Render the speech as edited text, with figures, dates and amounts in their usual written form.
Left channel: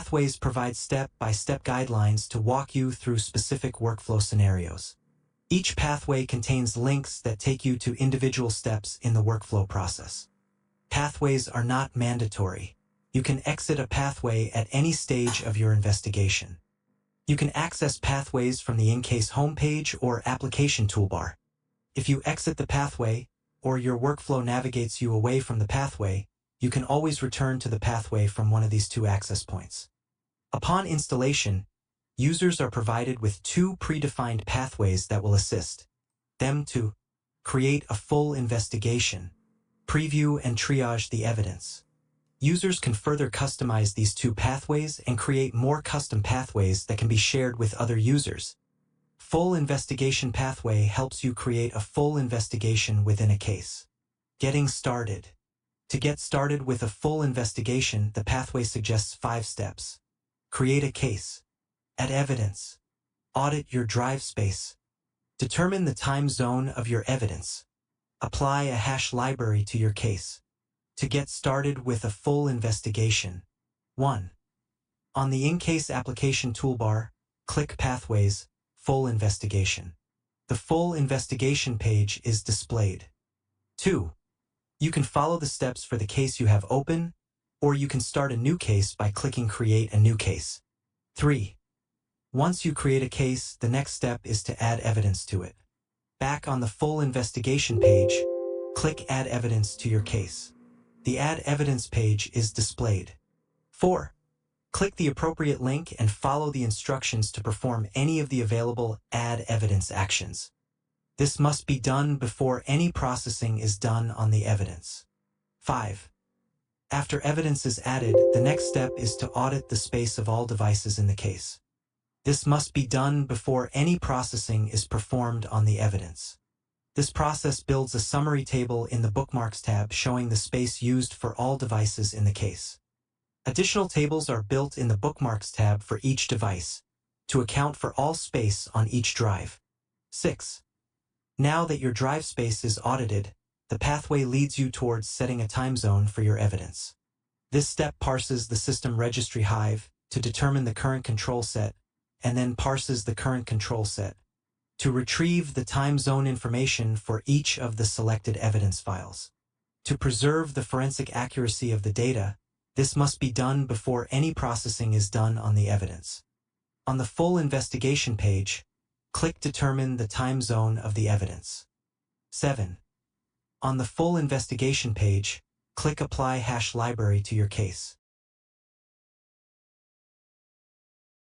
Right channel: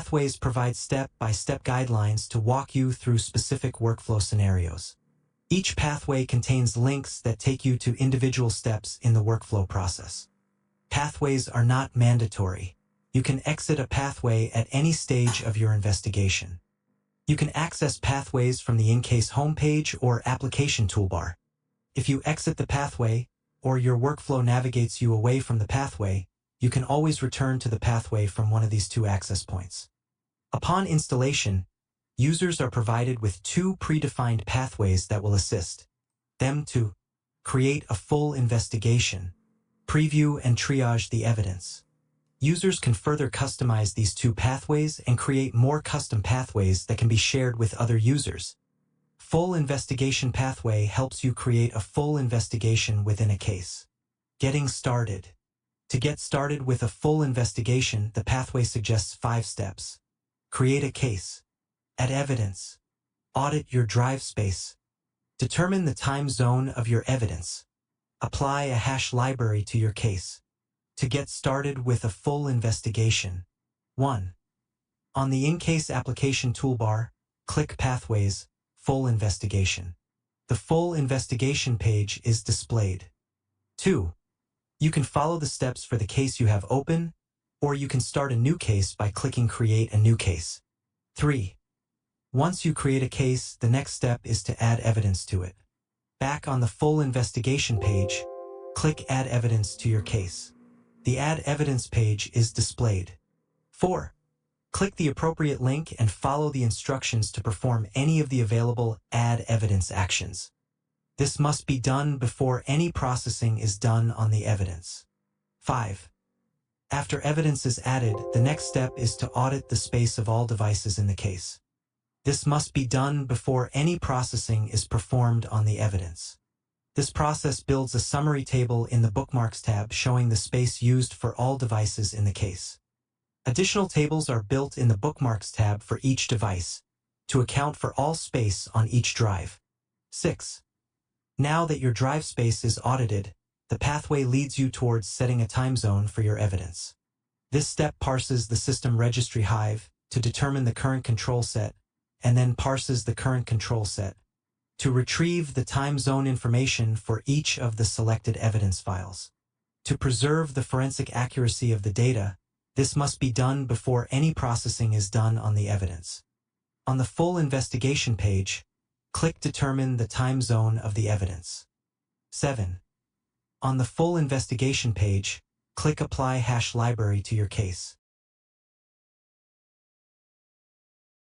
Pathways provide step-by-step guidelines to walk you through specific workflow scenarios. Each pathway contains links that take you to individual steps in the workflow process. Pathways are not mandatory. You can exit a pathway at any stage of your investigation. You can access pathways from the Encase homepage or application toolbar. If you exit the pathway, or your workflow navigates you away from the pathway, you can always return to the pathway from one of these two access points. Upon installation, users are provided with two predefined pathways that will assist them to create a full investigation, preview and triage the evidence. Users can further customize these two pathways and create more custom pathways that can be shared with other users. Full investigation pathway helps you create a full investigation within a case. Getting started. To get started with a full investigation, the pathway suggests 5 steps. Create a case. Add evidence. Audit your drive space. Determine the time zone of your evidence. Apply a hash library to your case. To get started with a full investigation. 1. On the Encase application toolbar, click Pathways, Full Investigation. The full investigation page is displayed. 2. You can follow the steps for the case you have open, or you can start a new case by clicking Create a New Case. 3. Once you create a case, the next step is to add evidence to it. Back on the full investigation page, click Add Evidence to your case. The Add Evidence page is displayed. 4. Click the appropriate link and follow the instructions to perform any of the available Add Evidence actions. This must be done before any processing is done on the evidence. 5. After evidence is added, the next step is to audit the space of all devices in the case. This must be done before any processing is performed on the evidence. This process builds a summary table in the Bookmarks tab showing the space used for all devices in the case. Additional tables are built in the Bookmarks tab for each device, to account for all space on each drive. 6. Now that your drive space is audited, the pathway leads you towards setting a time zone for your evidence. This step parses the system registry hive to determine the current control set, and then parses the current control set to retrieve the time zone information for each of the selected evidence files. To preserve the forensic accuracy of the data, this must be done before any processing is done on the evidence. On the full investigation page, click Determine the time zone of the evidence. 7. On the full investigation page, click Apply Hash Library to your case.